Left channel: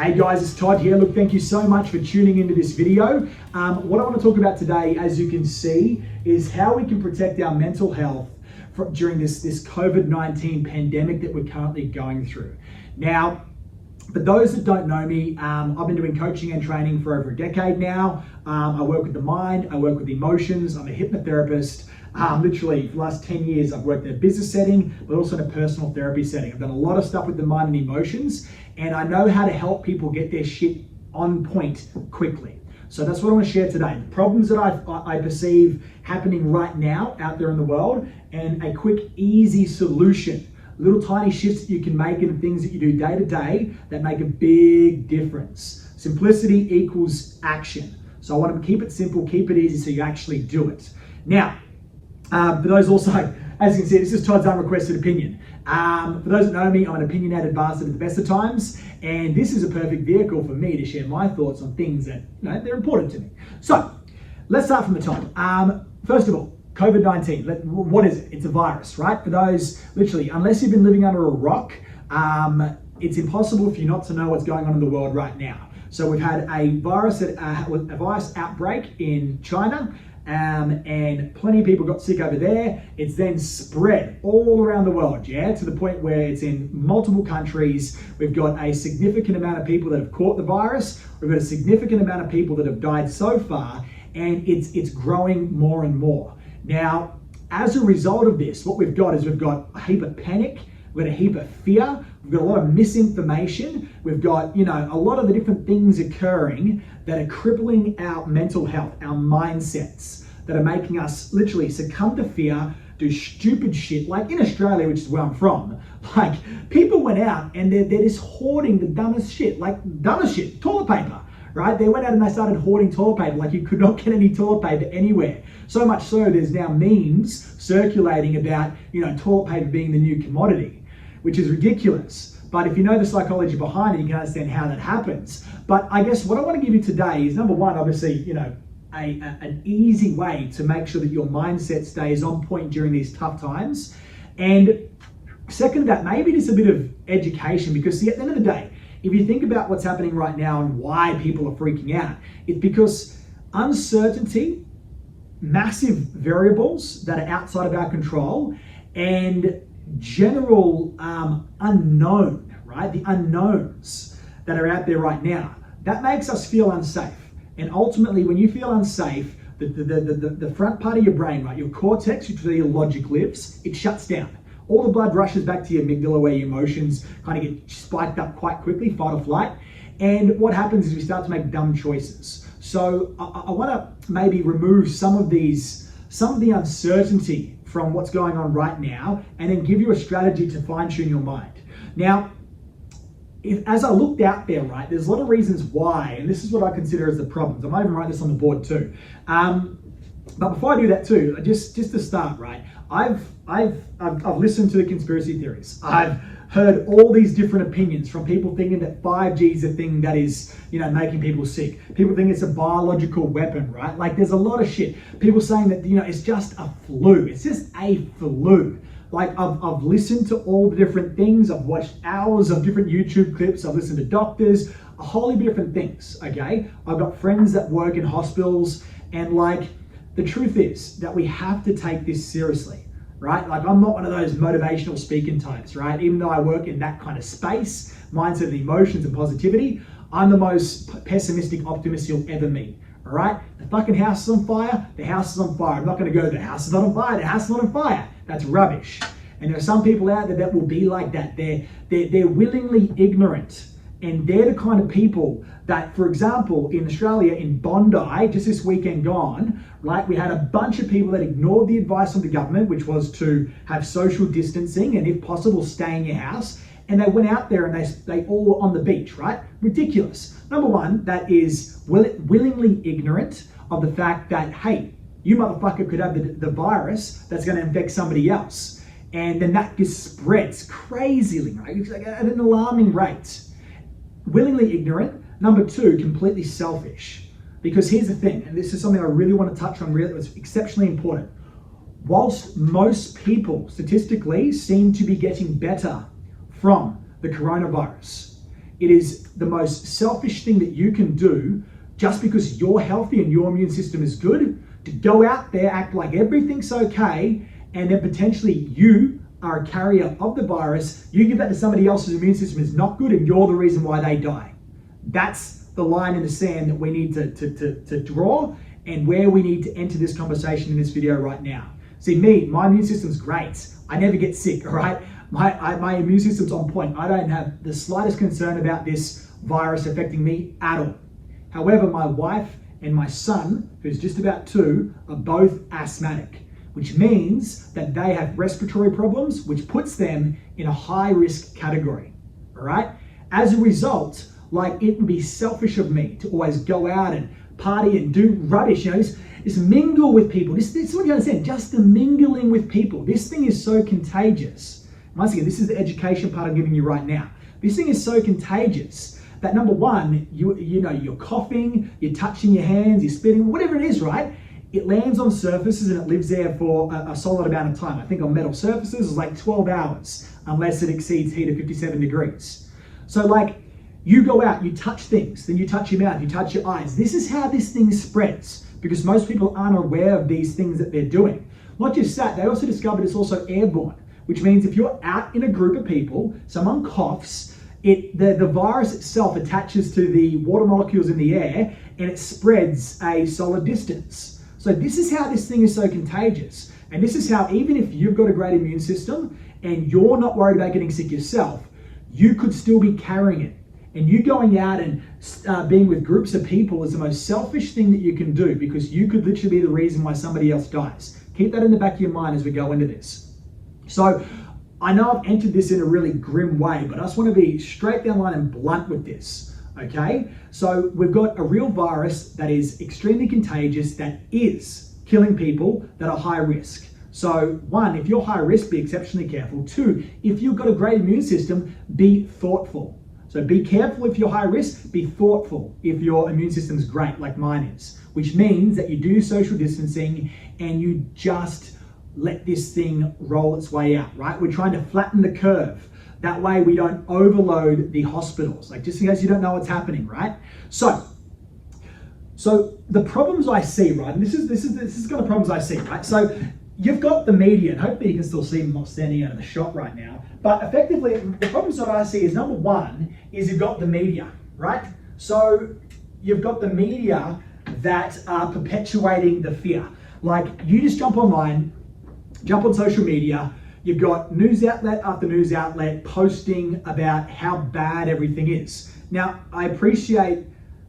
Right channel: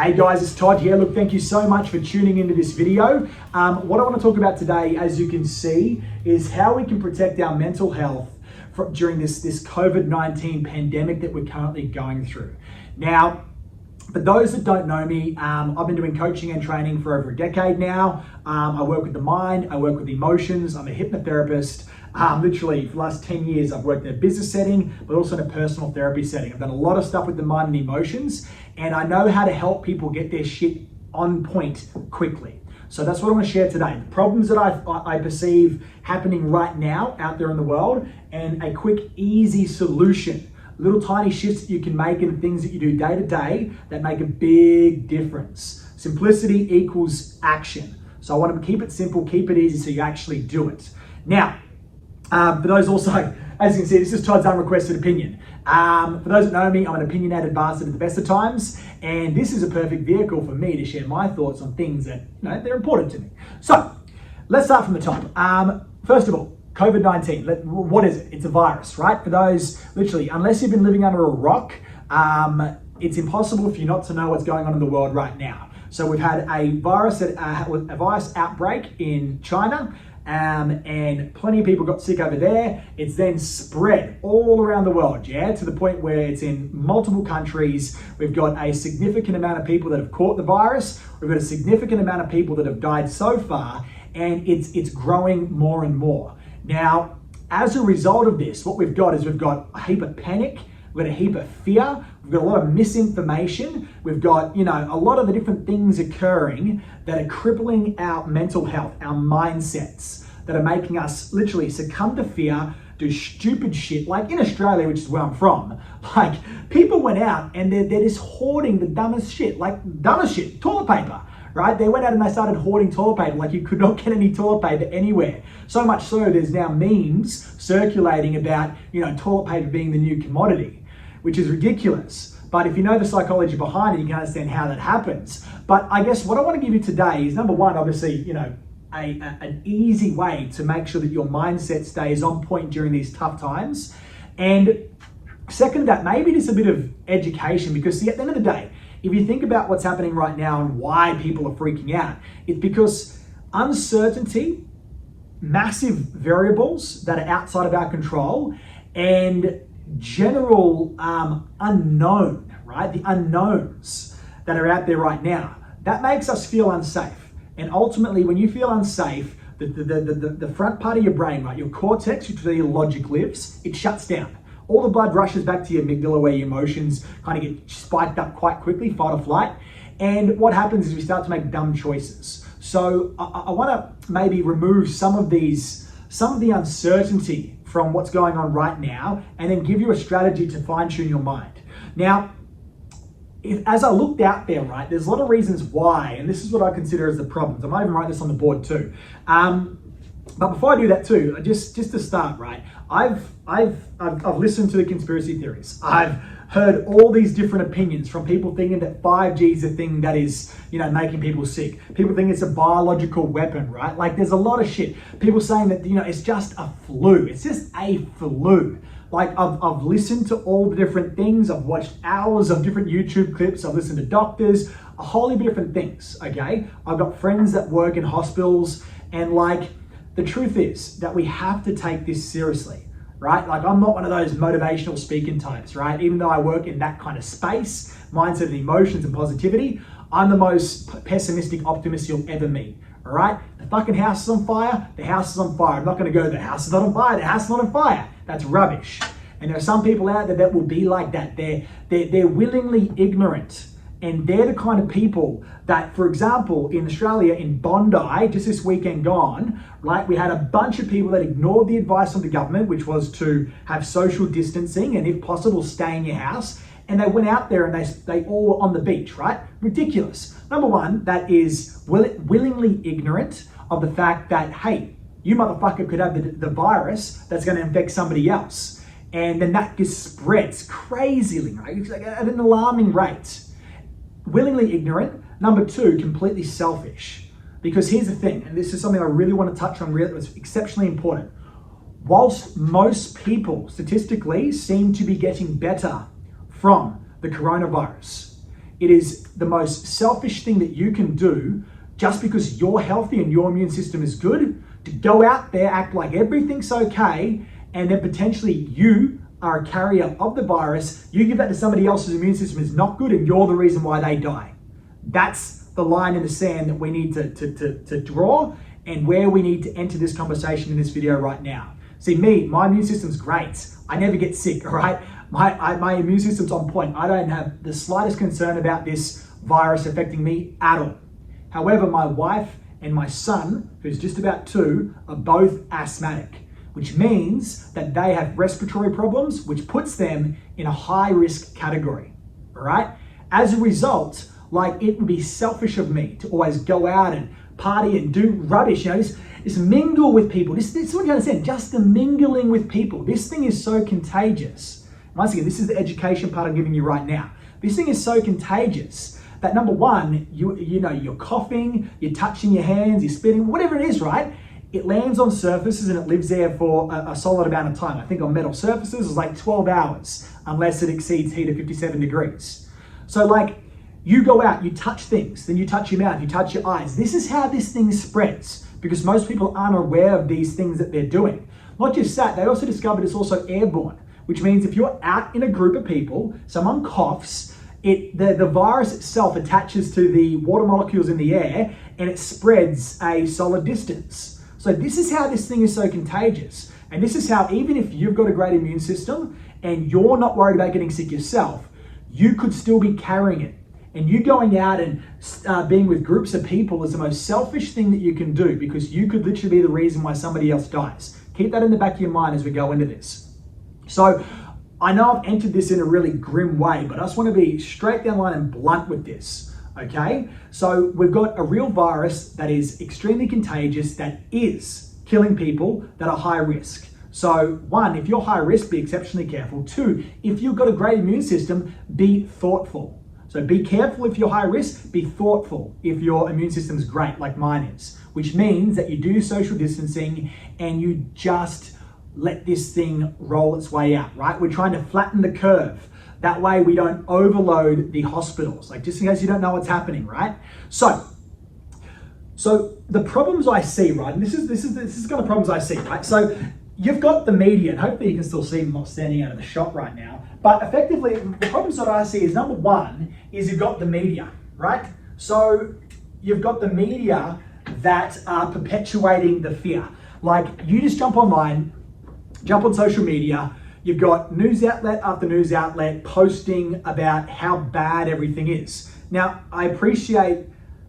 Hey guys, it's Todd here. Look, thank you so much for tuning into this video. What I want to talk about today, as you can see, is how we can protect our mental health during this COVID-19 pandemic that we're currently going through. Now, for those that don't know me, I've been doing coaching and training for over a decade now. I work with the mind, I work with emotions, I'm a hypnotherapist. Literally, for the last 10 years, I've worked in a business setting, but also in a personal therapy setting. I've done a lot of stuff with the mind and emotions, and I know how to help people get their shit on point quickly. So that's what I want to share today. The problems that I perceive happening right now out there in the world, and a quick, easy solution. Little tiny shifts that you can make in the things that you do day to day that make a big difference. Simplicity equals action. So I want to keep it simple, keep it easy so you actually do it. Now, for those also, as you can see, this is Todd's unrequested opinion. For those that know me, I'm an opinionated bastard at the best of times, and this is a perfect vehicle for me to share my thoughts on things that, they're important to me. So, let's start from the top. First of all, COVID-19, what is it? It's a virus, right? For those, literally, unless you've been living under a rock, it's impossible for you not to know what's going on in the world right now. So we've had a virus outbreak in China, and plenty of people got sick over there. It's then spread all around the world, to the point where it's in multiple countries. We've got a significant amount of people that have caught the virus. We've got a significant amount of people that have died so far, and it's growing more and more. Now, as a result of this, what we've got is we've got a heap of panic, we've got a heap of fear, we've got a lot of misinformation, we've got, a lot of the different things occurring that are crippling our mental health, our mindsets, that are making us literally succumb to fear, do stupid shit. Like in Australia, which is where I'm from, like people went out and they're just hoarding the dumbest shit, toilet paper. Right? They went out and they started hoarding toilet paper like you could not get any toilet paper anywhere. So much so there's now memes circulating about, toilet paper being the new commodity, which is ridiculous. But if you know the psychology behind it, you can understand how that happens. But I guess what I want to give you today is, number one, obviously, an easy way to make sure that your mindset stays on point during these tough times. And second to that, maybe just a bit of education, because see, at the end of the day, if you think about what's happening right now and why people are freaking out, it's because uncertainty, massive variables that are outside of our control, and general unknown, right? The unknowns that are out there right now, that makes us feel unsafe. And ultimately, when you feel unsafe, the front part of your brain, right, your cortex, which is where your logic lives, it shuts down. All the blood rushes back to your amygdala, where your emotions kind of get spiked up quite quickly, fight or flight. And what happens is we start to make dumb choices. So I want to maybe remove some of the uncertainty from what's going on right now, and then give you a strategy to fine tune your mind. Now, as I looked out there, right, there's a lot of reasons why, and this is what I consider as the problems. I might even write this on the board too. But before I do that too, just to start, right, I've listened to the conspiracy theories. I've heard all these different opinions from people thinking that 5G is a thing that is, making people sick. People think it's a biological weapon, right? Like there's a lot of shit. People saying that, it's just a flu. It's just a flu. Like I've listened to all the different things. I've watched hours of different YouTube clips. I've listened to doctors, a whole heap of different things, okay? I've got friends that work in hospitals, and the truth is that we have to take this seriously, right? Like I'm not one of those motivational speaking types, right? Even though I work in that kind of space, mindset and emotions and positivity, I'm the most pessimistic optimist you'll ever meet, all right? The fucking house is on fire, the house is on fire. I'm not gonna go, the house is not on fire, the house is not on fire. That's rubbish. And there are some people out there that will be like that. They're willingly ignorant. And they're the kind of people that, for example, in Australia, in Bondi, just this weekend gone, right, we had a bunch of people that ignored the advice of the government, which was to have social distancing and, if possible, stay in your house. And they went out there and they all were on the beach, right? Ridiculous. Number one, that is willingly ignorant of the fact that, hey, you motherfucker could have the virus that's going to infect somebody else. And then that just spreads crazily, right? It's like at an alarming rate. Willingly ignorant. Number two, completely selfish. Because here's the thing, and this is something I really want to touch on, it's exceptionally important. Whilst most people statistically seem to be getting better from the coronavirus, It is the most selfish thing that you can do just because you're healthy and your immune system is good, to go out there, act like everything's okay, and then potentially you are a carrier of the virus. You give that to somebody else's immune system is not good and you're the reason why they die. That's the line in the sand that we need to draw, and where we need to enter this conversation in this video right now. See, my immune system's great. I never get sick, all right? My immune system's on point. I don't have the slightest concern about this virus affecting me at all. However, my wife and my son, who's just about 2, are both asthmatic, which means that they have respiratory problems, which puts them in a high risk category, all right? As a result, like, it would be selfish of me to always go out and party and do rubbish, just mingle with people. This is what you understand, just the mingling with people. This thing is so contagious. Once again, this is the education part I'm giving you right now. This thing is so contagious that, number one, you're coughing, you're touching your hands, you're spitting, whatever it is, right? It lands on surfaces and it lives there for a solid amount of time. I think on metal surfaces it's like 12 hours, unless it exceeds heat of 57 degrees. So like, you go out, you touch things, then you touch your mouth, you touch your eyes. This is how this thing spreads, because most people aren't aware of these things that they're doing. Not just that, they also discovered it's also airborne, which means if you're out in a group of people, someone coughs, the virus itself attaches to the water molecules in the air and it spreads a solid distance. So this is how this thing is so contagious. And this is how, even if you've got a great immune system and you're not worried about getting sick yourself, you could still be carrying it. And you going out and being with groups of people is the most selfish thing that you can do, because you could literally be the reason why somebody else dies. Keep that in the back of your mind as we go into this. So I know I've entered this in a really grim way, but I just want to be straight down the line and blunt with this, okay? So we've got a real virus that is extremely contagious, that is killing people that are high risk. So 1, if you're high risk, be exceptionally careful. 2, if you've got a great immune system, be thoughtful. So be careful if you're high risk, be thoughtful if your immune system is great, like mine is, which means that you do social distancing and you just let this thing roll its way out, right? We're trying to flatten the curve. That way we don't overload the hospitals, like, just in case you don't know what's happening, right? So the problems I see, right? And this is the kind of problems I see, right? So you've got the media, and hopefully you can still see them not standing out of the shot right now. But effectively, the problems that I see is, number one, is you've got the media, right? So you've got the media that are perpetuating the fear. Like, you just jump online, jump on social media, you've got news outlet after news outlet posting about how bad everything is. Now, I appreciate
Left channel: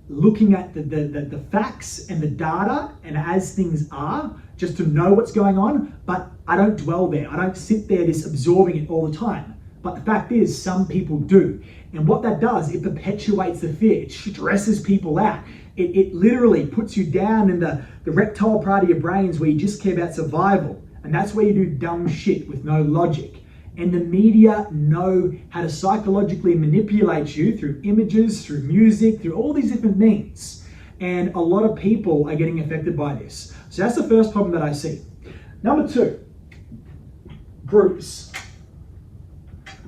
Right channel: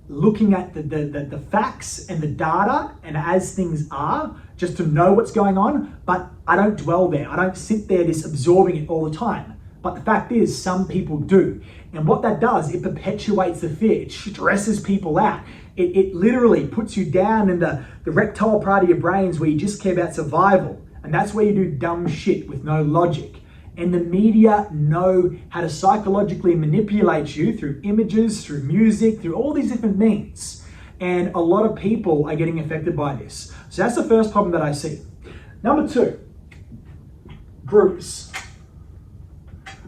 looking at the facts and the data and as things are, just to know what's going on, but I don't dwell there. I don't sit there just absorbing it all the time. But the fact is, some people do. And what that does, it perpetuates the fear. It stresses people out. It literally puts you down in the reptile part of your brains where you just care about survival. And that's where you do dumb shit with no logic. And the media know how to psychologically manipulate you through images, through music, through all these different means. And a lot of people are getting affected by this. So that's the first problem that I see. Number 2, groups.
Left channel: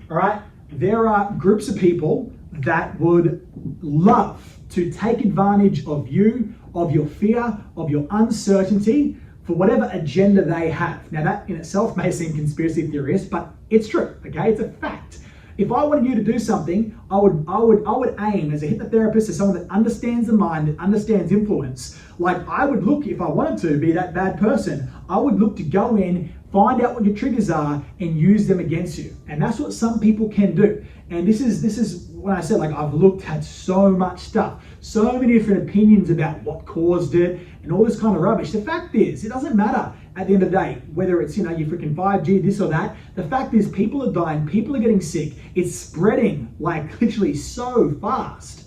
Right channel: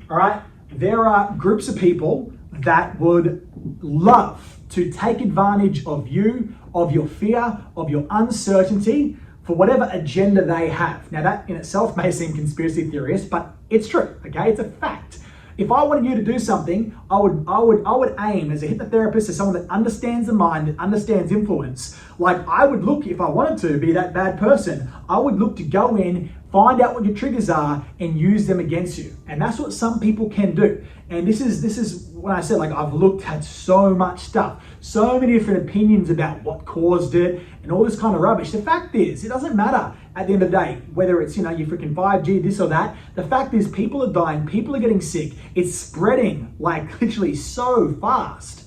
All right, there are groups of people that would love to take advantage of you, of your fear, of your uncertainty, for whatever agenda they have. Now, that in itself may seem conspiracy theorist, but it's true, okay? It's a fact. If I wanted you to do something, I would aim as a hypnotherapist, as someone that understands the mind, that understands influence. Like, I would look, if I wanted to be that bad person, I would look to go in, find out what your triggers are, and use them against you. And that's what some people can do. And this is when I said, like, I've looked at so much stuff, so many different opinions about what caused it and all this kind of rubbish. The fact is, it doesn't matter at the end of the day, whether it's, your freaking 5G, this or that. The fact is, people are dying, people are getting sick. It's spreading like literally so fast.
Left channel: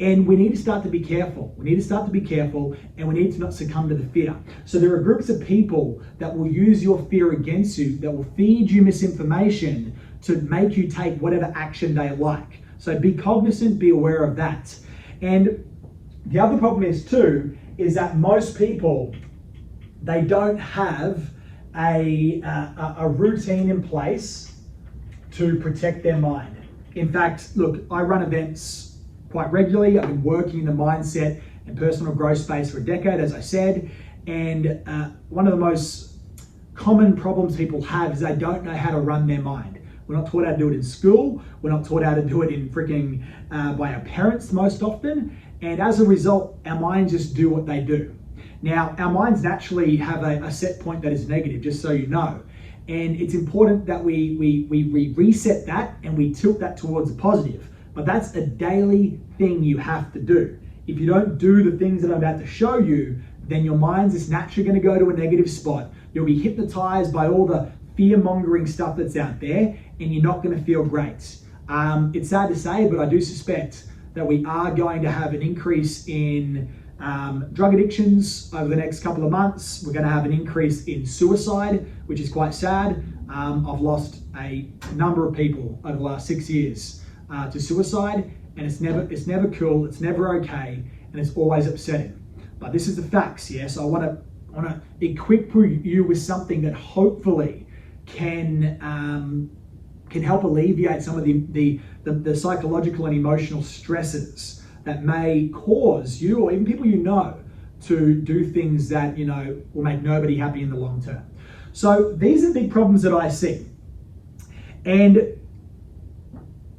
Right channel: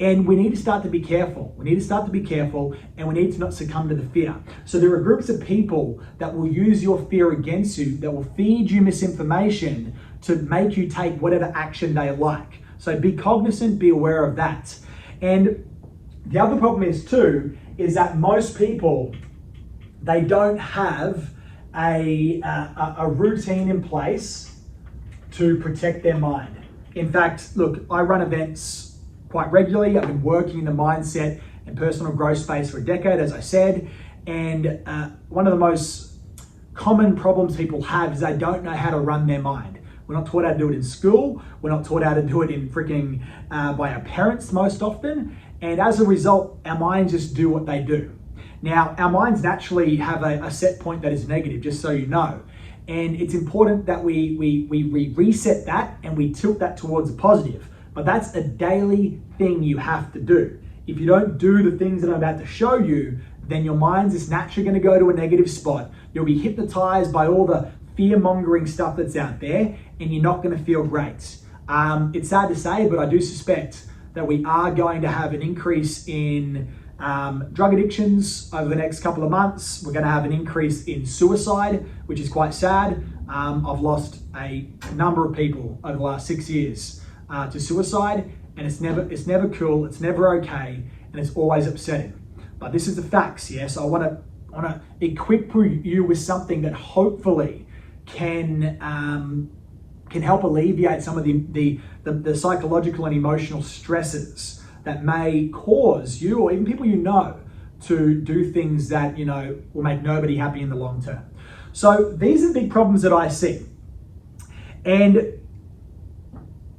And we need to start to be careful. We need to start to be careful, and we need to not succumb to the fear. So there are groups of people that will use your fear against you, that will feed you misinformation to make you take whatever action they like. So be cognizant, be aware of that. And the other problem is too, is that most people, they don't have a routine in place to protect their mind. In fact, look, I run events quite regularly. I've been working in the mindset and personal growth space for a decade, as I said. And one of the most common problems people have is they don't know how to run their mind. We're not taught how to do it in school. We're not taught how to do it in by our parents most often. And as a result, our minds just do what they do. Now, our minds naturally have a set point that is negative, just so you know. And it's important that we reset that and we tilt that towards the positive. But that's a daily thing you have to do. If you don't do the things that I'm about to show you, then your mind's just naturally going to go to a negative spot. You'll be hypnotized by all the fear-mongering stuff that's out there, and you're not going to feel great. It's sad to say, but I do suspect that we are going to have an increase in drug addictions over the next couple of months. We're going to have an increase in suicide, which is quite sad. I've lost a number of people over the last 6 years to suicide, and it's never cool, it's never okay, and it's always upsetting. But this is the facts, yes. So I want to equip you with something that hopefully can help alleviate some of the psychological and emotional stresses that may cause you or even people you know to do things that, you know, will make nobody happy in the long term. So these are the big problems that I see. And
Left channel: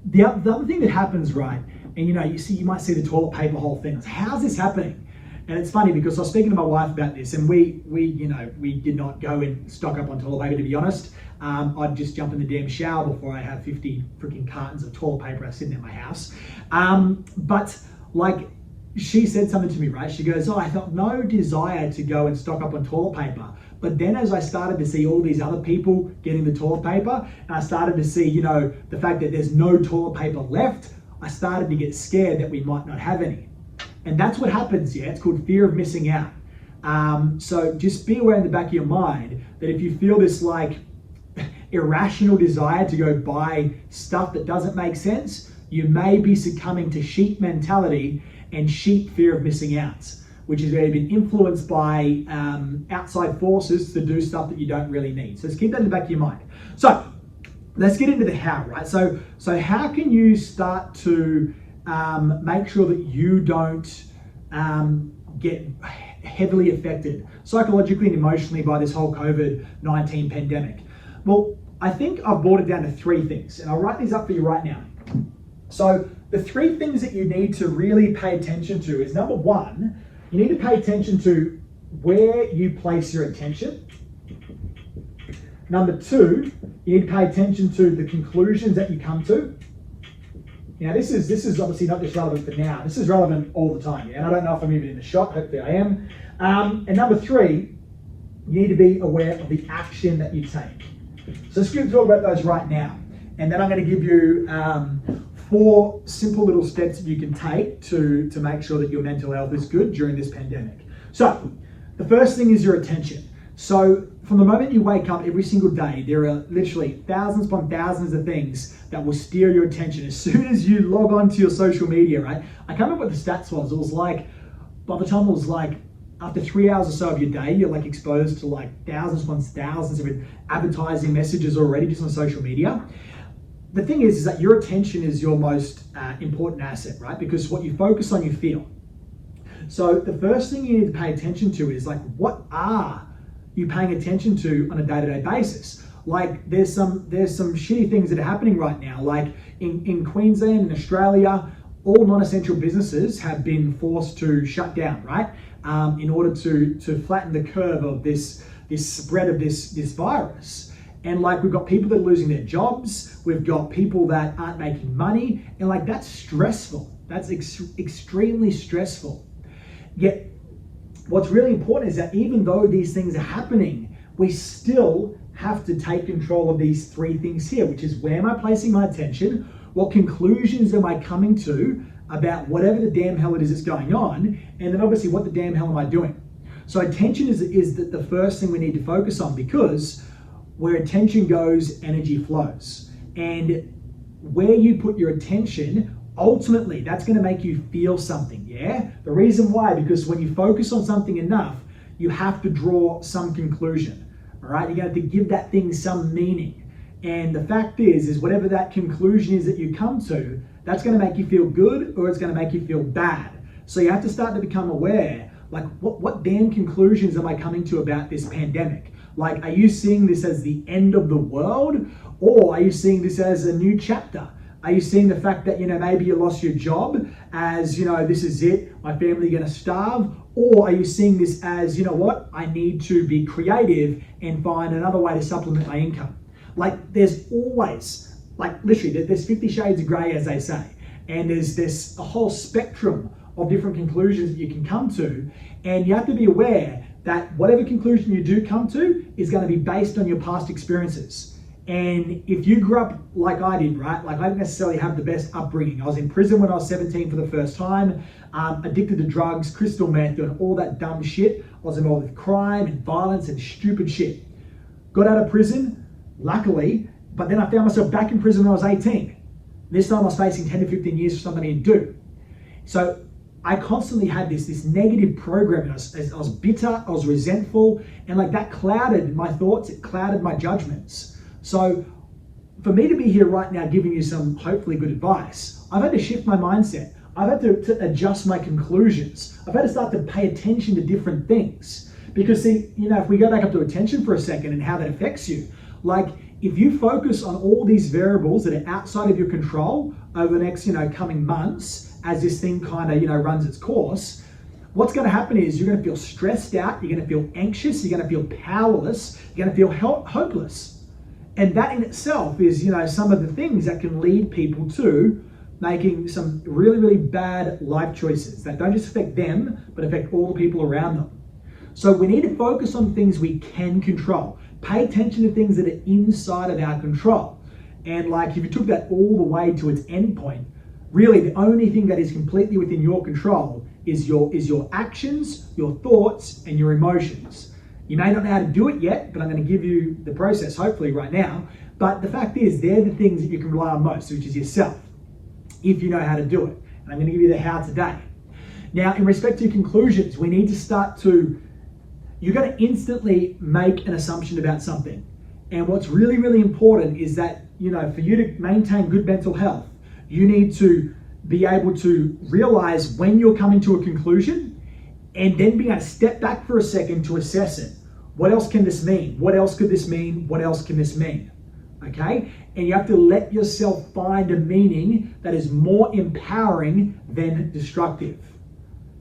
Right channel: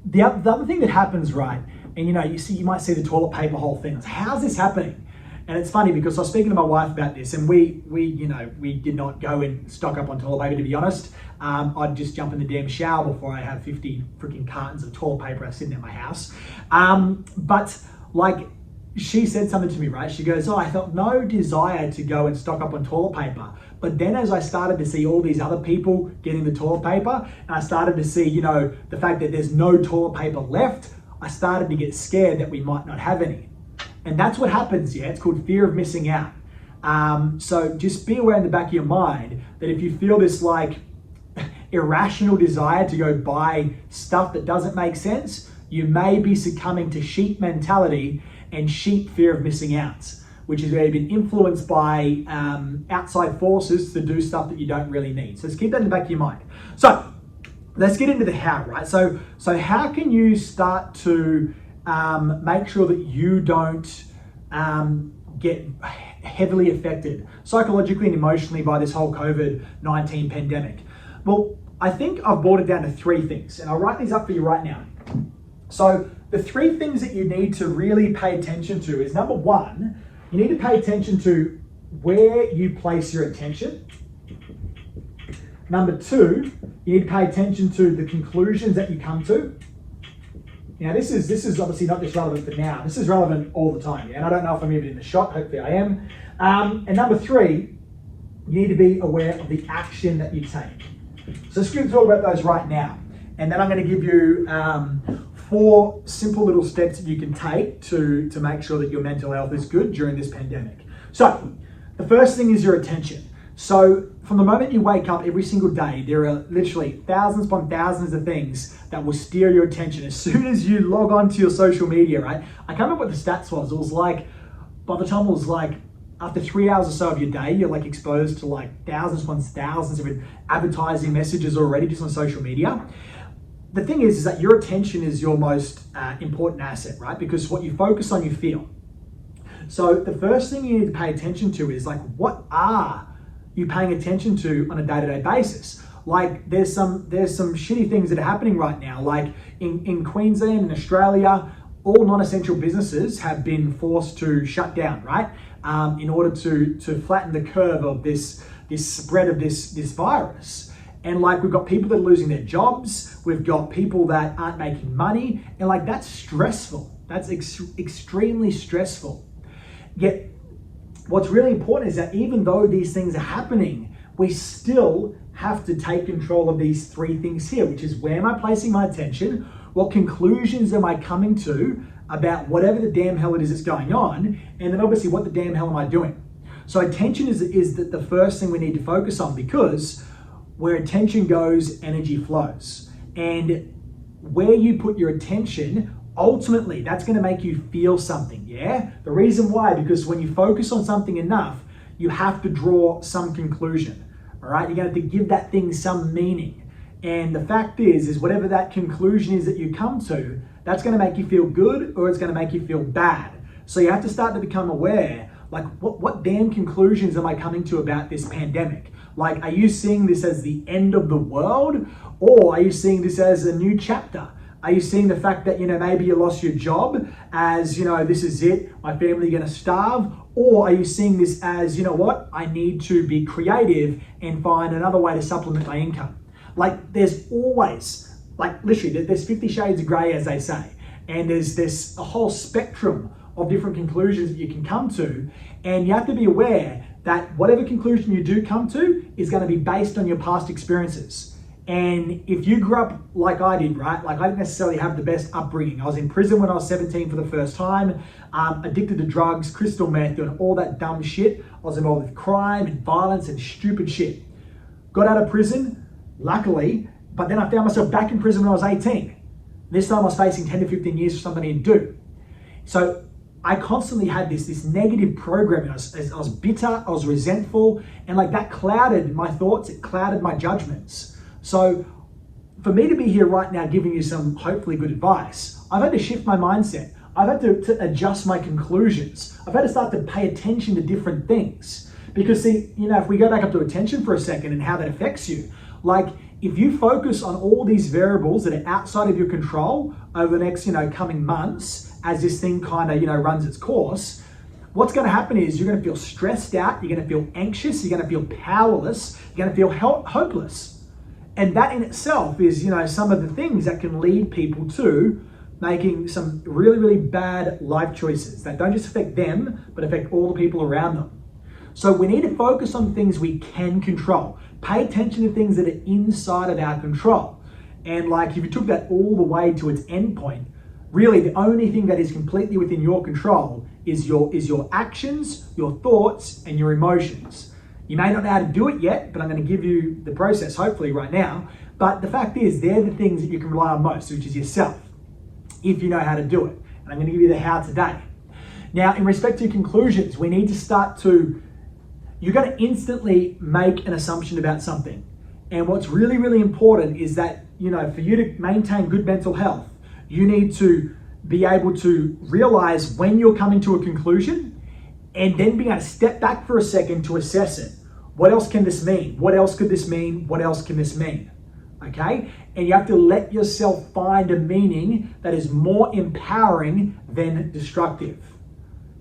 the other thing that happens, right, and you might see the toilet paper whole thing. How's this happening? And it's funny because I was speaking to my wife about this, and we did not go and stock up on toilet paper, to be honest. I'd just jump in the damn shower before I have 50 freaking cartons of toilet paper sitting at my house. But like, she said something to me, right? She goes, I felt no desire to go and stock up on toilet paper. But then as I started to see all these other people getting the toilet paper, and I started to see, the fact that there's no toilet paper left, I started to get scared that we might not have any. And that's what happens, yeah? It's called fear of missing out. So just be aware in the back of your mind that if you feel this like irrational desire to go buy stuff that doesn't make sense, you may be succumbing to sheep mentality and sheep fear of missing out, which is where you've been influenced by outside forces to do stuff that you don't really need. So just keep that in the back of your mind. So let's get into the how, right? So how can you start to make sure that you don't get heavily affected psychologically and emotionally by this whole COVID-19 pandemic? Well, I think I've boiled it down to 3 things, and I'll write these up for you right now. So the 3 things that you need to really pay attention to is, number 1, you need to pay attention to where you place your attention. Number 2, you need to pay attention to the conclusions that you come to. Now, this is obviously not just relevant for now. This is relevant all the time. And I don't know if I'm even in the shot. Hopefully I am. And number 3, you need to be aware of the action that you take. So let's talk about those right now. And then I'm going to give you 4 simple little steps that you can take to make sure that your mental health is good during this pandemic. So the first thing is your attention. So from the moment you wake up every single day, there are literally thousands upon thousands of things that will steer your attention. As soon as you log on to your social media, right? I can't remember what the stats was. It was like, by the time it was like, after 3 hours or so of your day, you're like exposed to like thousands upon thousands of advertising messages already just on social media. The thing is that your attention is your most important asset, right? Because what you focus on, you feel. So the first thing you need to pay attention to is like, what are you paying attention to on a day-to-day basis? Like there's some shitty things that are happening right now. Like in Queensland and Australia, all non-essential businesses have been forced to shut down, right? In order to flatten the curve of this spread of this virus. And like we've got people that are losing their jobs, we've got people that aren't making money, and like that's stressful. That's extremely stressful. Yet what's really important is that even though these things are happening, we still have to take control of these 3 things here, which is where am I placing my attention? What conclusions am I coming to about whatever the damn hell it is that's going on? And then obviously, what the damn hell am I doing? So attention is the first thing we need to focus on, because where attention goes, energy flows. And where you put your attention, ultimately, that's going to make you feel something, yeah? The reason why, because when you focus on something enough, you have to draw some conclusion, all right? You're going to have to give that thing some meaning. And the fact is whatever that conclusion is that you come to, that's going to make you feel good or it's going to make you feel bad. So you have to start to become aware, like what damn conclusions am I coming to about this pandemic? Like, are you seeing this as the end of the world, or are you seeing this as a new chapter? Are you seeing the fact that, maybe you lost your job as, this is it, my family are going to starve? Or are you seeing this as, I need to be creative and find another way to supplement my income? Like, there's always, literally, there's 50 shades of gray, as they say. And there's a whole spectrum of different conclusions that you can come to. And you have to be aware that whatever conclusion you do come to is going to be based on your past experiences. And if you grew up like I did, right? Like, I didn't necessarily have the best upbringing. I was in prison when I was 17 for the first time, addicted to drugs, crystal meth, doing all that dumb shit. I was involved with crime and violence and stupid shit. Got out of prison, luckily, but then I found myself back in prison when I was 18. This time I was facing 10 to 15 years for something I didn't do. So I constantly had this negative programming. I was bitter, I was resentful, and that clouded my thoughts, it clouded my judgments. So for me to be here right now giving you some hopefully good advice, I've had to shift my mindset. I've had to adjust my conclusions. I've had to start to pay attention to different things. Because see, if we go back up to attention for a second and how that affects you, if you focus on all these variables that are outside of your control over the next, coming months, as this thing kind of, runs its course, what's going to happen is you're going to feel stressed out, you're going to feel anxious, you're going to feel powerless, you're going to feel hopeless. And that in itself is, some of the things that can lead people to making some really, really bad life choices that don't just affect them, but affect all the people around them. So we need to focus on things we can control. Pay attention to things that are inside of our control. And if you took that all the way to its end point, really the only thing that is completely within your control is your actions, your thoughts, and your emotions. You may not know how to do it yet, but I'm going to give you the process hopefully right now. But the fact is, they're the things that you can rely on most, which is yourself, if you know how to do it. And I'm going to give you the how today. Now, in respect to conclusions, we need to start to, you're going to instantly make an assumption about something. And what's really, really important is that, for you to maintain good mental health, you need to be able to realize when you're coming to a conclusion and then being able to step back for a second to assess it. What else can this mean? What else could this mean? What else can this mean? Okay? And you have to let yourself find a meaning that is more empowering than destructive.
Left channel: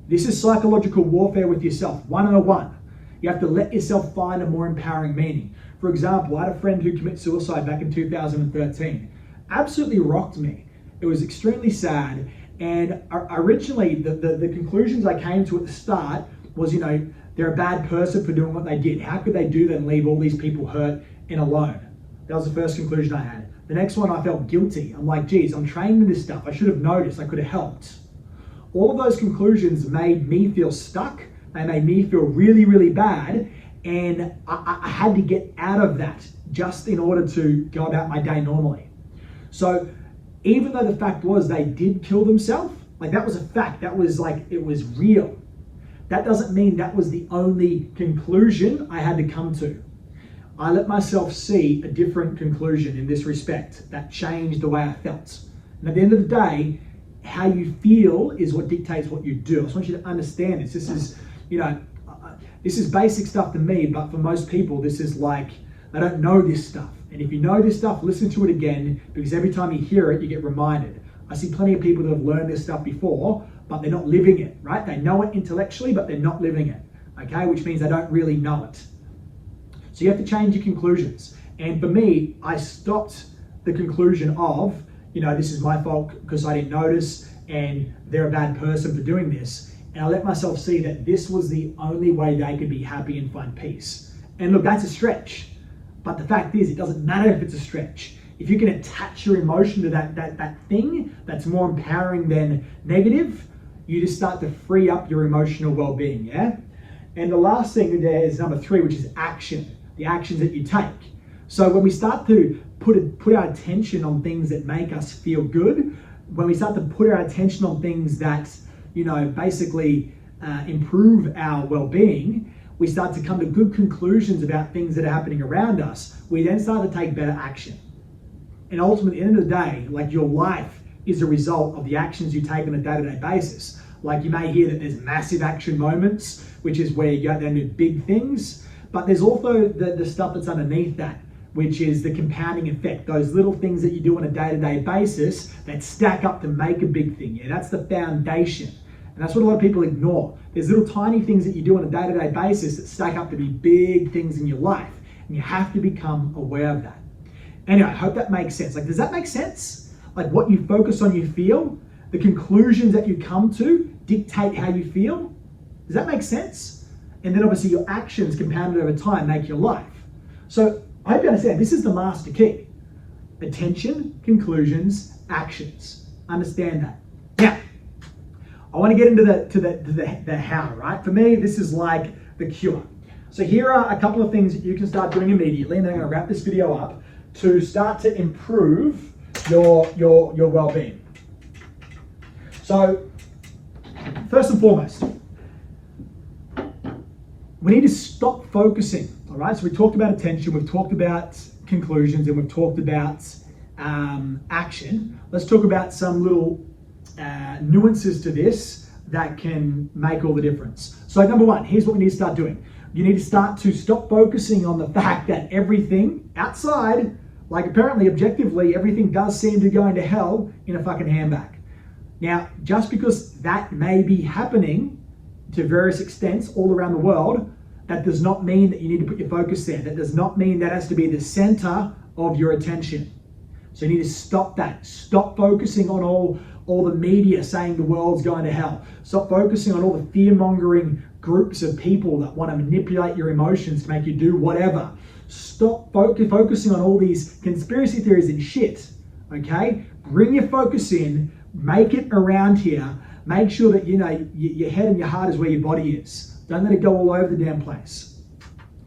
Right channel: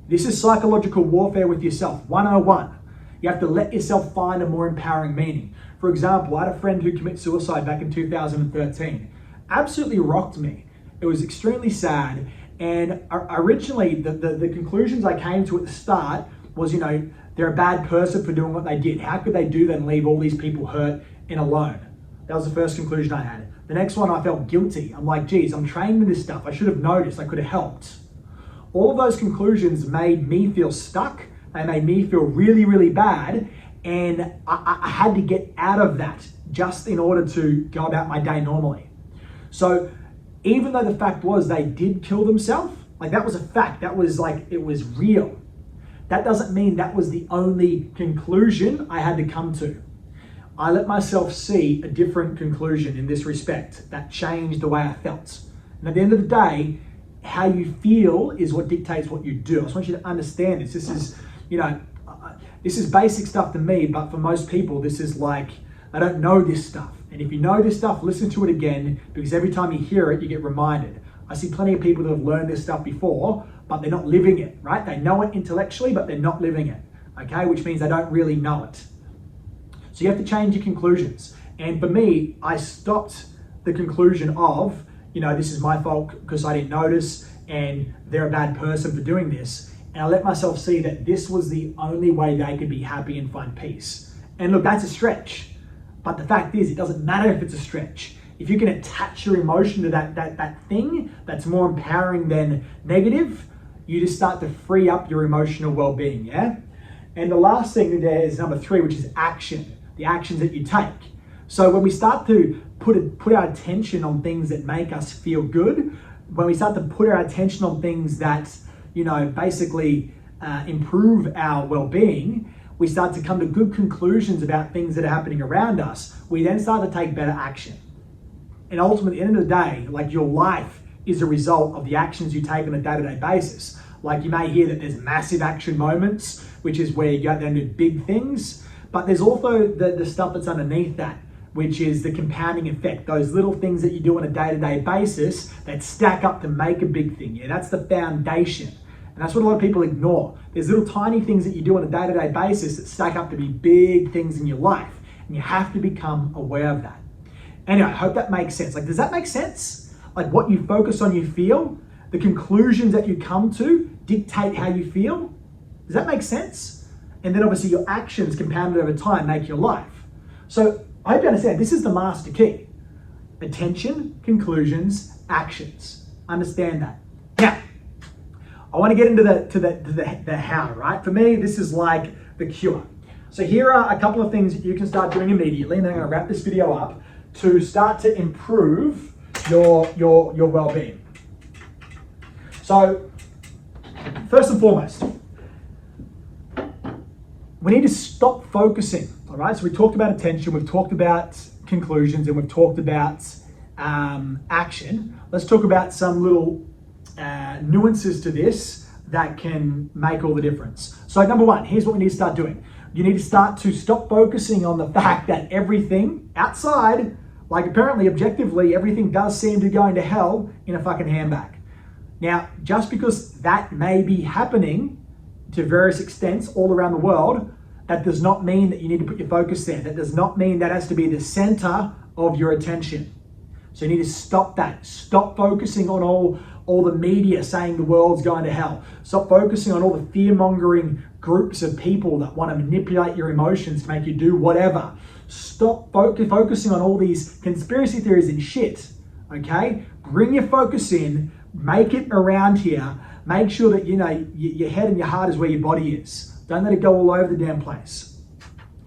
This is psychological warfare with yourself, 101. You have to let yourself find a more empowering meaning. For example, I had a friend who committed suicide back in 2013. Absolutely rocked me. It was extremely sad. And originally, the conclusions I came to at the start was, they're a bad person for doing what they did. How could they do that and leave all these people hurt and alone? That was the first conclusion I had. The next one, I felt guilty. I'm like, geez, I'm trained in this stuff. I should have noticed. I could have helped. All of those conclusions made me feel stuck. They made me feel really, really bad. And I had to get out of that just in order to go about my day normally. So even though the fact was they did kill themselves, that was a fact. That was it was real. That doesn't mean that was the only conclusion I had to come to. I let myself see a different conclusion in this respect that changed the way I felt. And at the end of the day, how you feel is what dictates what you do. I just want you to understand this. This is, this is basic stuff to me, but for most people, this is I don't know this stuff. And if you know this stuff, listen to it again, because every time you hear it, you get reminded. I see plenty of people that have learned this stuff before, but they're not living it, right? They know it intellectually, but they're not living it, okay? Which means they don't really know it. So you have to change your conclusions. And for me, I stopped the conclusion of, this is my fault because I didn't notice and they're a bad person for doing this. And I let myself see that this was the only way they could be happy and find peace. And look, that's a stretch. But the fact is, it doesn't matter if it's a stretch. If you can attach your emotion to that thing that's more empowering than negative, you just start to free up your emotional well-being, yeah? And the last thing there is number 3, which is action, the actions that you take. So when we start to put our attention on things that make us feel good, when we start to put our attention on things that, basically improve our well-being, we start to come to good conclusions about things that are happening around us. We then start to take better action. And ultimately, at the end of the day, like your life is a result of the actions you take on a day-to-day basis. Like you may hear that there's massive action moments, which is where you go there and do big things, but there's also the stuff that's underneath that, which is the compounding effect, those little things that you do on a day-to-day basis that stack up to make a big thing. Yeah, that's the foundation. And that's what a lot of people ignore. There's little tiny things that you do on a day-to-day basis that stack up to be big things in your life. And you have to become aware of that. Anyway, I hope that makes sense. Like, does that make sense? Like what you focus on, you feel. The conclusions that you come to dictate how you feel. Does that make sense? And then obviously your actions compounded over time make your life. So I hope you understand, this is the master key. Attention, conclusions, actions. Understand that. Now, I want to get into the how, right? For me, this is like the cure. So here are a couple of things that you can start doing immediately, and then I'm going to wrap this video up to start to improve your well-being. So, first and foremost, we need to stop focusing, all right? So we talked about attention, we've talked about conclusions, and we've talked about action. Let's talk about some little nuances to this that can make all the difference. So number one, here's what we need to start doing. You need to start to stop focusing on the fact that everything outside, like apparently objectively, everything does seem to go into hell in a fucking handbag. Now, just because that may be happening to various extents all around the world, that does not mean that you need to put your focus there. That does not mean that has to be the center of your attention. So you need to stop that. Stop focusing on all the media saying the world's going to hell. Stop focusing on all the fear-mongering groups of people that want to manipulate your emotions to make you do whatever. Stop focusing on all these conspiracy theories and shit, okay? Bring your focus in, make it around here. Make sure that, you know, your head and your heart is where your body is. Don't let it go all over the damn place.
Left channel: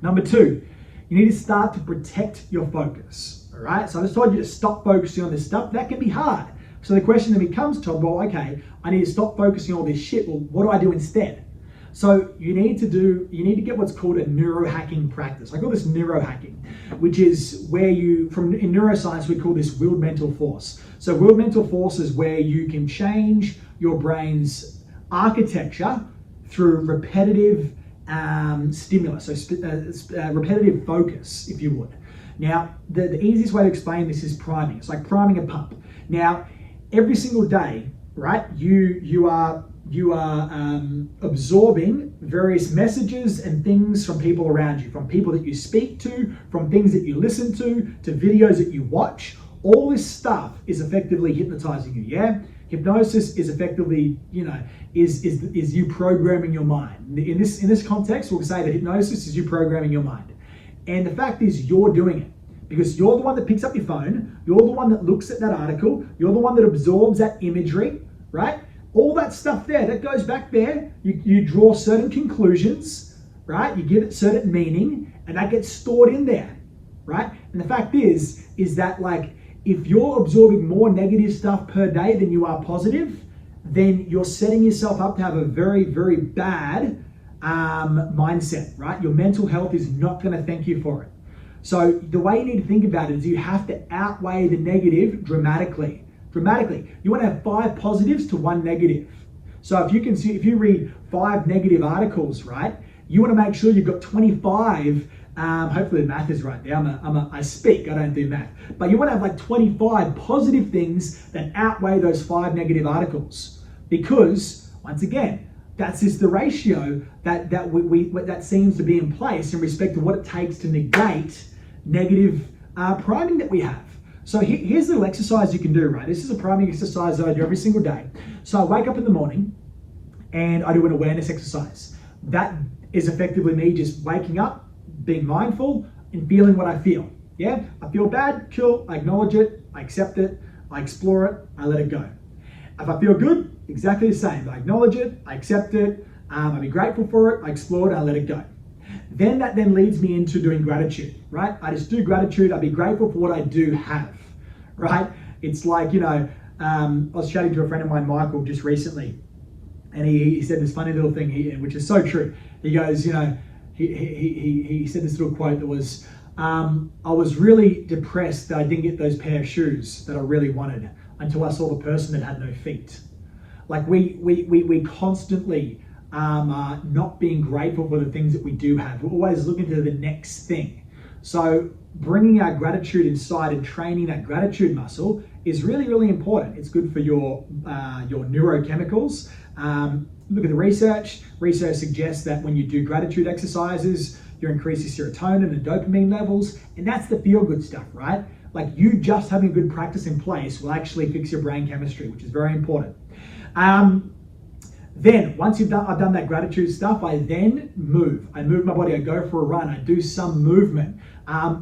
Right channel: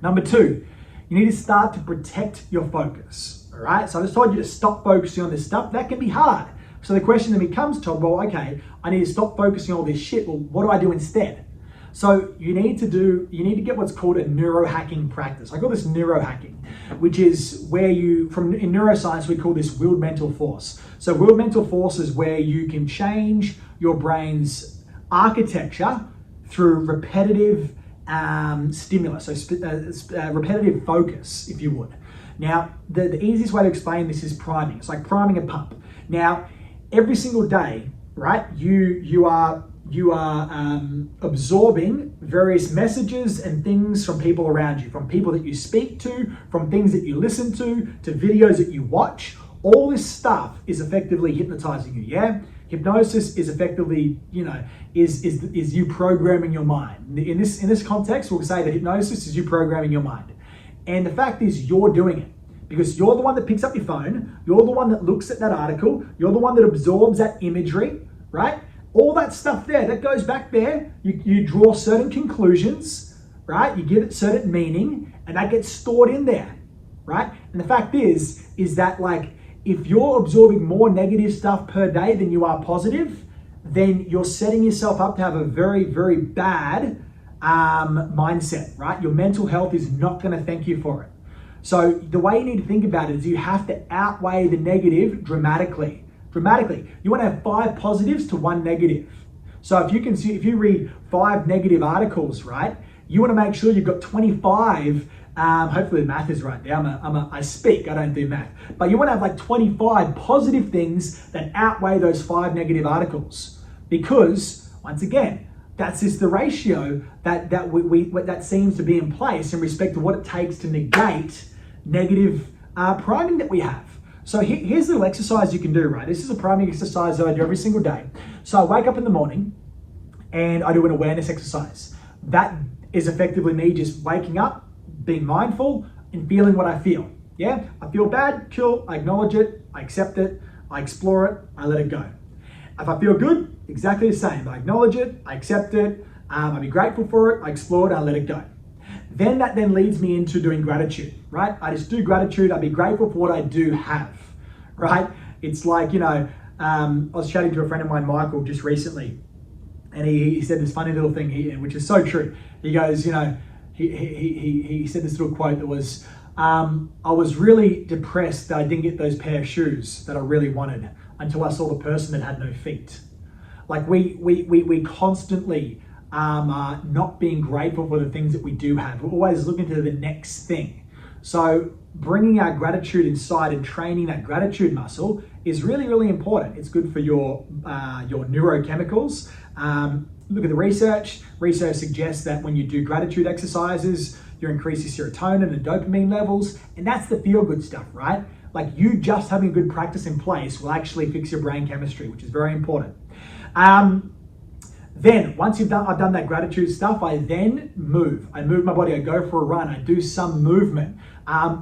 Number two, you need to start to protect your focus, all right? So I just told you to stop focusing on this stuff. That can be hard. So the question then becomes, Todd, well, okay, I need to stop focusing on all this shit. Well, what do I do instead? So you need to get what's called a neurohacking practice. I call this neurohacking, which is where in neuroscience, we call this willed mental force. So willed mental force is where you can change your brain's architecture through repetitive stimulus, so repetitive focus, if you would. Now, the easiest way to explain this is priming. It's like priming a pump. Now, every single day, right, you are absorbing various messages and things from people around you, from people that you speak to, from things that you listen to videos that you watch. All this stuff is effectively hypnotizing you, yeah? Hypnosis is effectively, you know, is you programming your mind. In this context, we'll say that hypnosis is you programming your mind. And the fact is you're doing it. Because you're the one that picks up your phone, you're the one that looks at that article, you're the one that absorbs that imagery, right? All that stuff there, that goes back there. You draw certain conclusions, right? You give it certain meaning, and that gets stored in there, right? And the fact is that, like, if you're absorbing more negative stuff per day than you are positive, then you're setting yourself up to have a very, very bad mindset, right? Your mental health is not going to thank you for it. So the way you need to think about it is you have to outweigh the negative dramatically. You want to have 5 positives to 1 negative. So if you read 5 negative articles, right, you want to make sure you've got 25. Hopefully the math is right there. I speak, I don't do math. But you want to have like 25 positive things that outweigh those 5 negative articles. Because, once again, that's just the ratio that seems to be in place in respect to what it takes to negate negative priming that we have. So here's the little exercise you can do, right? This is a priming exercise that I do every single day. So I wake up in the morning and I do an awareness exercise. That is effectively me just waking up, being mindful and feeling what I feel. Yeah, I feel bad, cool, I acknowledge it, I accept it, I explore it, I let it go. If I feel good, exactly the same. I acknowledge it, I accept it, I be grateful for it, I explore it, I let it go. Then that leads me into doing gratitude, right? I just do gratitude, I be grateful for what I do have, right? It's like, you know, I was chatting to a friend of mine, Michael, just recently, and he said this funny little thing, which is so true. He goes, you know, he said this little quote that was, I was really depressed that I didn't get those pair of shoes that I really wanted until I saw the person that had no feet. Like we constantly are not being grateful for the things that we do have. We're always looking to the next thing. So bringing our gratitude inside and training that gratitude muscle is really, really important. It's good for your neurochemicals. Look at the research. Research suggests that when you do gratitude exercises, you increase your serotonin and dopamine levels, and that's the feel-good stuff, right? Like you just having a good practice in place will actually fix your brain chemistry, which is very important. Then once I've done that gratitude stuff, I then move. I move my body, I go for a run, I do some movement.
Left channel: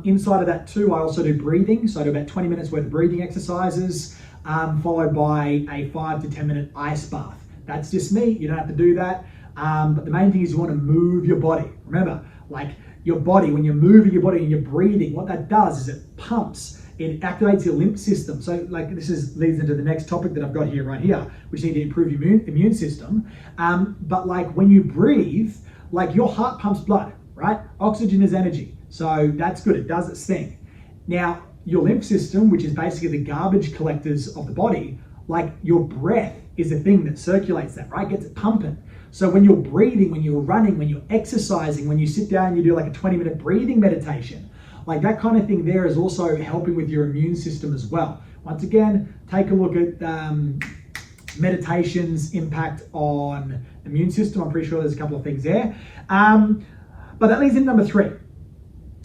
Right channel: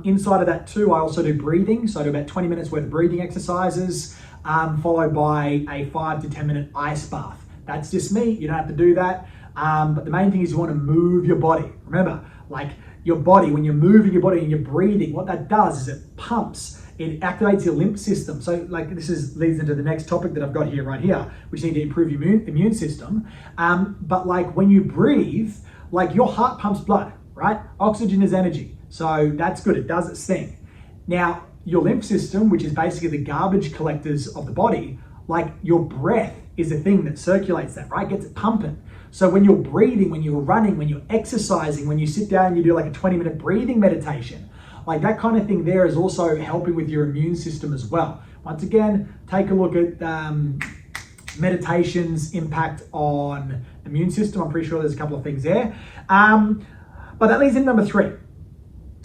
Inside of that too, I also do breathing. So I do about 20 minutes worth of breathing exercises, followed by a 5 to 10 minute ice bath. That's just me, you don't have to do that. But the main thing is you want to move your body. Remember, like your body, when you're moving your body and you're breathing, what that does is it pumps, it activates your lymph system. So like this leads into the next topic that I've got here, right here, which need to improve your immune system. But like when you breathe, like your heart pumps blood, right? Oxygen is energy. So that's good, it does its thing. Now, your lymph system, which is basically the garbage collectors of the body, like your breath is the thing that circulates that, right? Gets it pumping. So when you're breathing, when you're running, when you're exercising, when you sit down and you do like a 20-minute breathing meditation, like that kind of thing there is also helping with your immune system as well. Once again, take a look at meditation's impact on the immune system. I'm pretty sure there's a couple of things there. But that leads into number 3,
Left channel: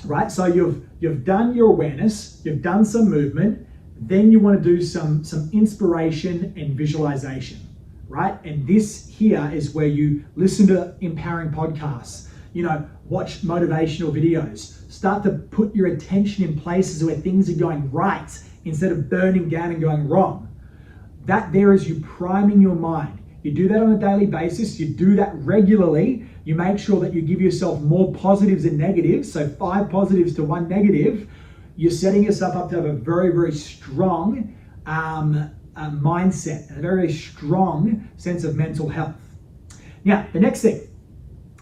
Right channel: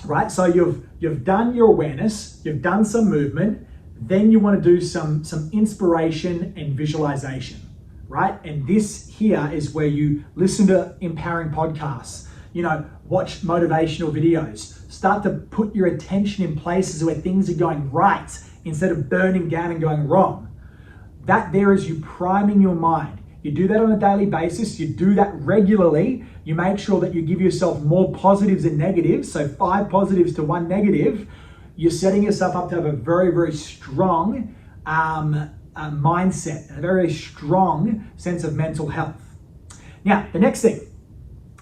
right? So you've done your awareness, you've done some movement, then you want to do some inspiration and visualization, right? And this here is where you listen to empowering podcasts, watch motivational videos, start to put your attention in places where things are going right instead of burning down and going wrong. That there is you priming your mind. You do that on a daily basis, you do that regularly, you make sure that you give yourself more positives and negatives, so 5 positives to 1 negative. You're setting yourself up to have a very, very strong mindset and a very strong sense of mental health. Now, the next thing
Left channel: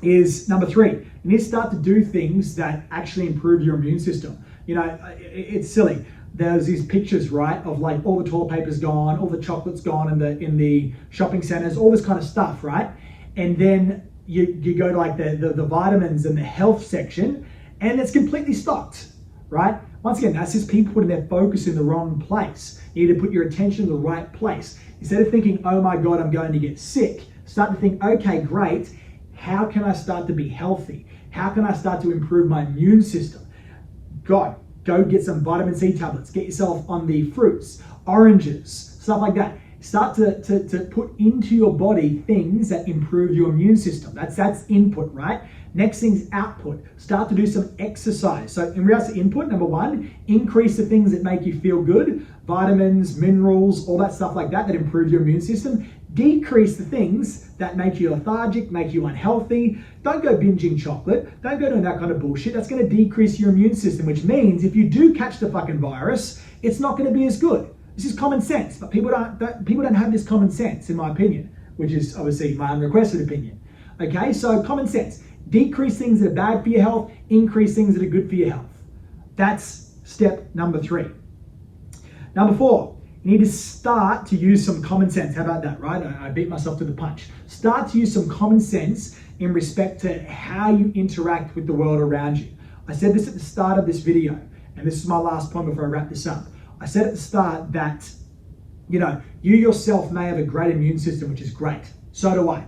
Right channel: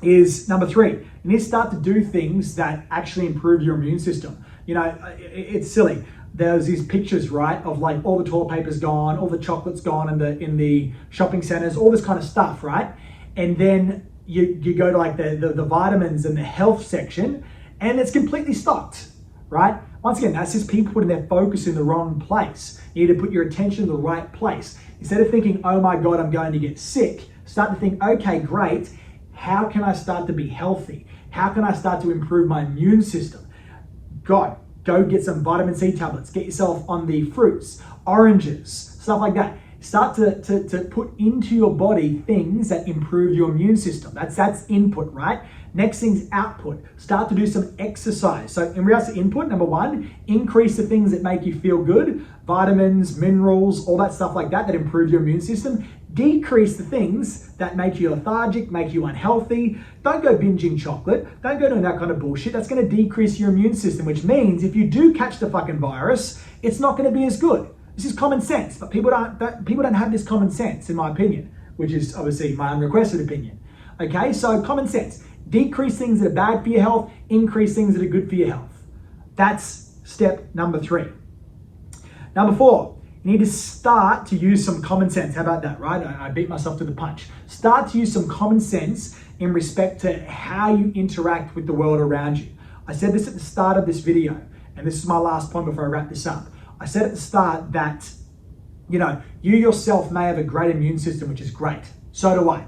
is number 3. You need to start to do things that actually improve your immune system. It's silly. There's these pictures, right, of like all the toilet paper's gone, all the chocolate's gone in the shopping centers, all this kind of stuff, right? And then you go to like the vitamins and the health section, and it's completely stocked, right? Once again, that's just people putting their focus in the wrong place. You need to put your attention in the right place. Instead of thinking, oh my God, I'm going to get sick, start to think, okay, great. How can I start to be healthy? How can I start to improve my immune system? God, go get some vitamin C tablets. Get yourself on the fruits, oranges, stuff like that. Start to put into your body things that improve your immune system. That's input, right? Next thing's output. Start to do some exercise. So in regards to input, number 1, increase the things that make you feel good. Vitamins, minerals, all that stuff like that improve your immune system. Decrease the things that make you lethargic, make you unhealthy. Don't go binging chocolate. Don't go doing that kind of bullshit. That's going to decrease your immune system, which means if you do catch the fucking virus, it's not going to be as good. This is common sense, but people don't have this common sense, in my opinion, which is obviously my unrequested opinion. Okay, so common sense. Decrease things that are bad for your health, increase things that are good for your health. That's step number 3. Number 4, you need to start to use some common sense. How about that, right? I beat myself to the punch. Start to use some common sense in respect to how you interact with the world around you. I said this at the start of this video, and this is my last point before I wrap this up. I said at the start that, you yourself may have a great immune system, which is great. So do I,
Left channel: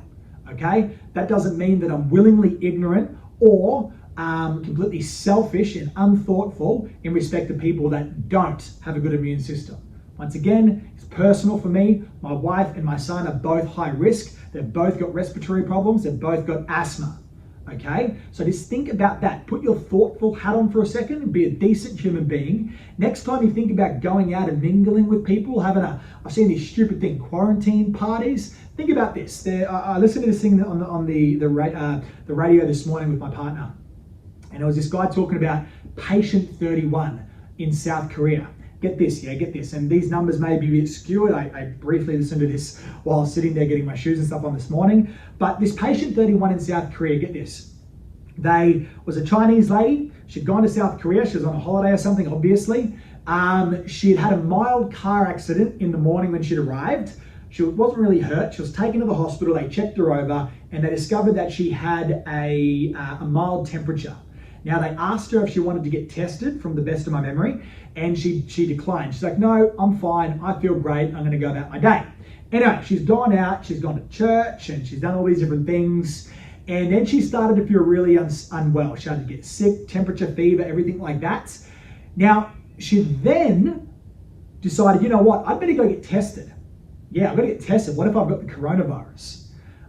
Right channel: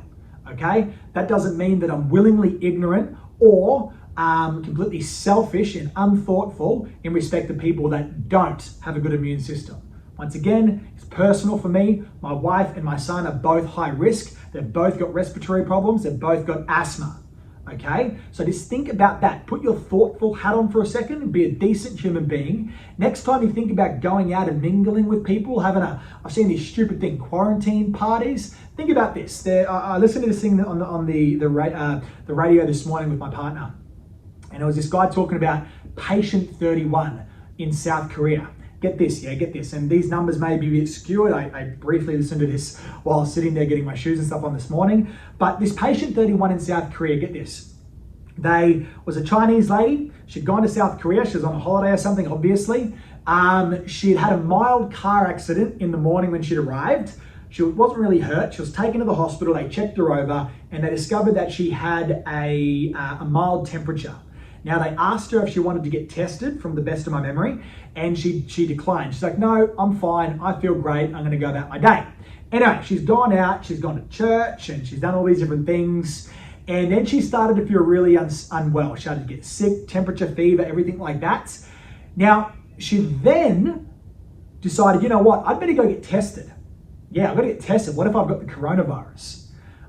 okay? That doesn't mean that I'm willingly ignorant or completely selfish and unthoughtful in respect to people that don't have a good immune system. Once again, it's personal for me. My wife and my son are both high risk. They've both got respiratory problems. They've both got asthma. Okay, so just think about that. Put your thoughtful hat on for a second and be a decent human being. Next time you think about going out and mingling with people, I've seen these stupid thing, quarantine parties. Think about this. I listened to this thing on the radio this morning with my partner, and it was this guy talking about patient 31 in South Korea. Get this, and these numbers may be a bit skewed. I briefly listened to this while sitting there getting my shoes and stuff on this morning. But this patient 31 in South Korea, get this, Was a Chinese lady. She'd gone to South Korea. She was on a holiday or something, obviously. She'd had a mild car accident in the morning when she'd arrived. She wasn't really hurt. She was taken to the hospital. They checked her over and they discovered that she had a mild temperature. Now, they asked her if she wanted to get tested, from the best of my memory, and she declined. She's like, no, I'm fine. I feel great. I'm going to go about my day. Anyway, she's gone out. She's gone to church and she's done all these different things. And then she started to feel really unwell. She started to get sick, temperature, fever, everything like that. Now, she then decided, you know what? I'd better go get tested. Yeah, I've got to get tested. What if I've got the coronavirus?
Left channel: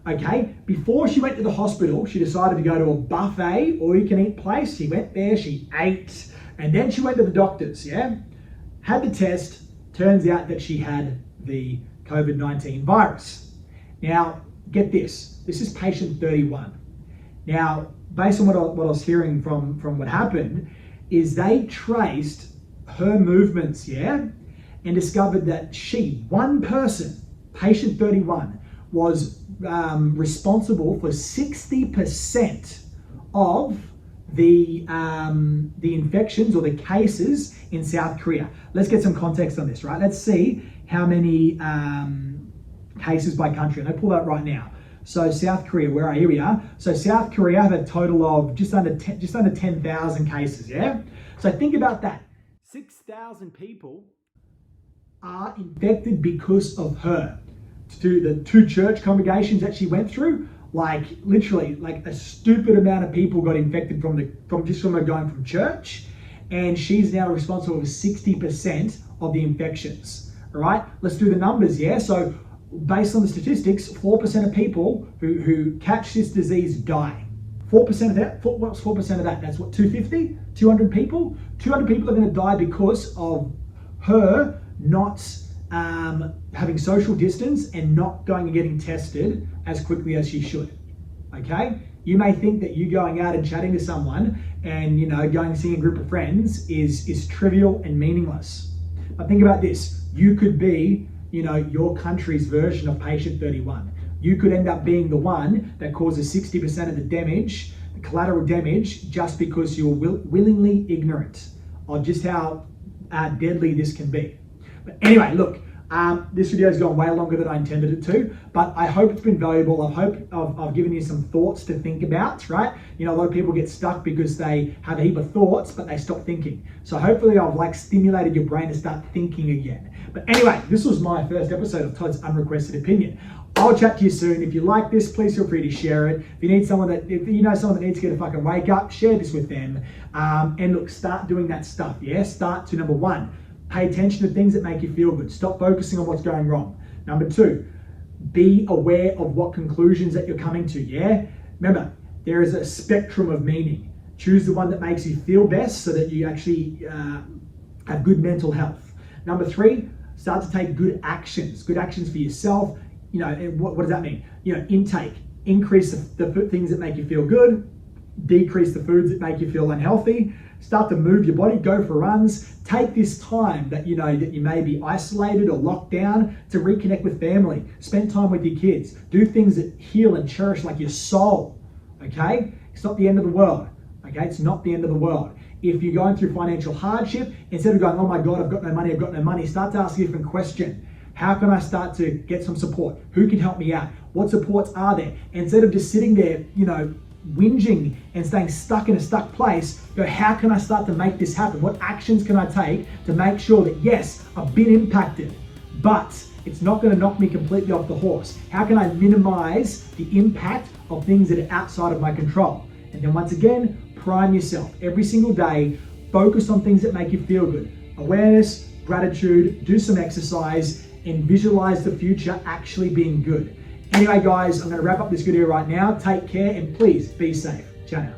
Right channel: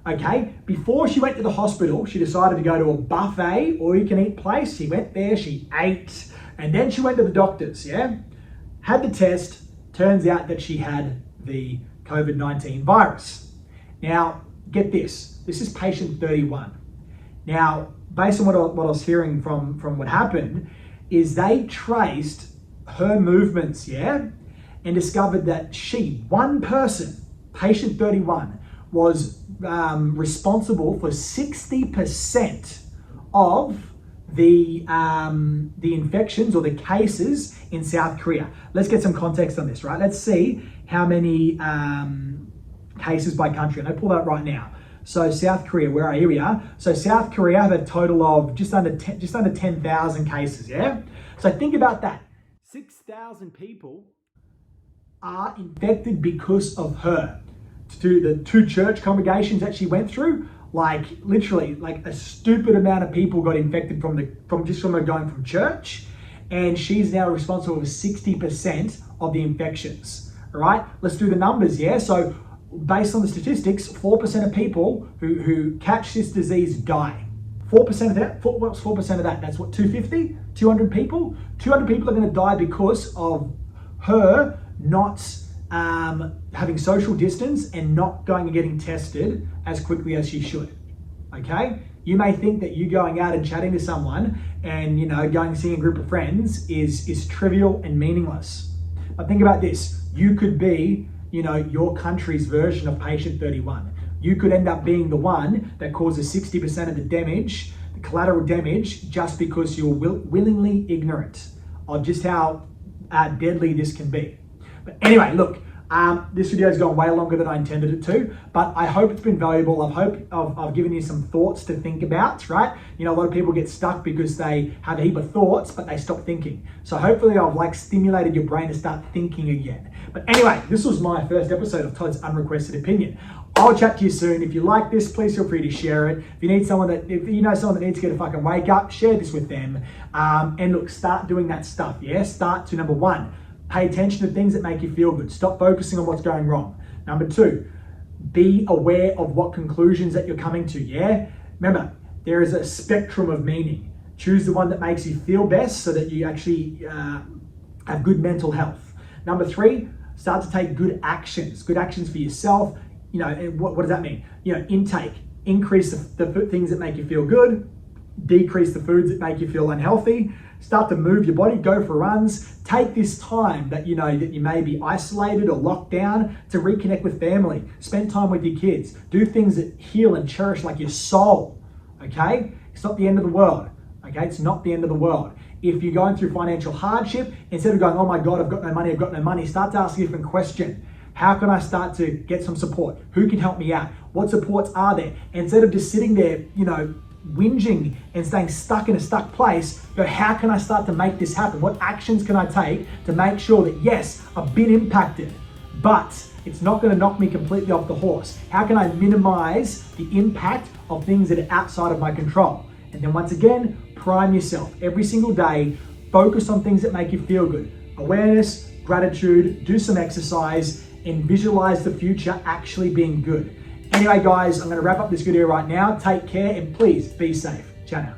Okay, before she went to the hospital, she decided to go to a buffet, all-you-can-eat place. She went there, she ate, and then she went to the doctors, yeah? Had the test. Turns out that she had the COVID-19 virus. Now, get this. This is patient 31. Now, based on what I was hearing from what happened, is they traced her movements, yeah? And discovered that one person, patient 31, was responsible for 60% of the infections or the cases in South Korea. Let's get some context on this, right? Let's see how many cases by country. And I pull that right now. So South Korea, here we are. So South Korea have a total of just under 10,000 cases, yeah? So think about that. 6,000 people are infected because of her. To the 2 church congregations that she went through, like literally like a stupid amount of people got infected from her going from church, and she's now responsible for 60% of the infections. All right, let's do the numbers. Yeah, so based on the statistics, 4% of people who catch this disease die. 4% of that. What's 4% of that? That's what, 250, 200 people. 200 people are going to die because of her not having social distance and not going and getting tested as quickly as she should. Okay, you may think that you going out and chatting to someone and going and seeing a group of friends is trivial and meaningless, but think about this. You could be your country's version of patient 31. You could end up being the one that causes 60% of the damage, the collateral damage, just because you're willingly ignorant of just how deadly this can be. But anyway, look, this video has gone way longer than I intended it to, but I hope it's been valuable. I hope I've given you some thoughts to think about, right? A lot of people get stuck because they have a heap of thoughts, but they stop thinking. So hopefully I've stimulated your brain to start thinking again. But anyway, this was my first episode of Todd's Unrequested Opinion. I'll chat to you soon. If you like this, please feel free to share it. If you know someone that needs to get a fucking wake up, share this with them. And look, start doing that stuff, yeah? Start to number 1. Pay attention to things that make you feel good. Stop focusing on what's going wrong. Number 2, be aware of what conclusions that you're coming to, yeah? Remember, there is a spectrum of meaning. Choose the one that makes you feel best so that you actually have good mental health. Number 3, start to take good actions for yourself. And what does that mean? Intake. Increase the things that make you feel good. Decrease the foods that make you feel unhealthy. Start to move your body, go for runs. Take this time that you may be isolated or locked down to reconnect with family. Spend time with your kids. Do things that heal and cherish like your soul, okay? It's not the end of the world, okay? It's not the end of the world. If you're going through financial hardship, instead of going, oh my God, I've got no money, start to ask a different question. How can I start to get some support? Who can help me out? What supports are there? Instead of just sitting there, whinging and staying stuck in a stuck place, go, how can I start to make this happen? What actions can I take to make sure that, yes, I've been impacted, but it's not going to knock me completely off the horse? How can I minimize the impact of things that are outside of my control? And then once again, prime yourself every single day. Focus on things that make you feel good. Awareness, gratitude, do some exercise, and visualize the future actually being good. Anyway, guys, I'm going to wrap up this video right now. Take care and please be safe. Ciao now.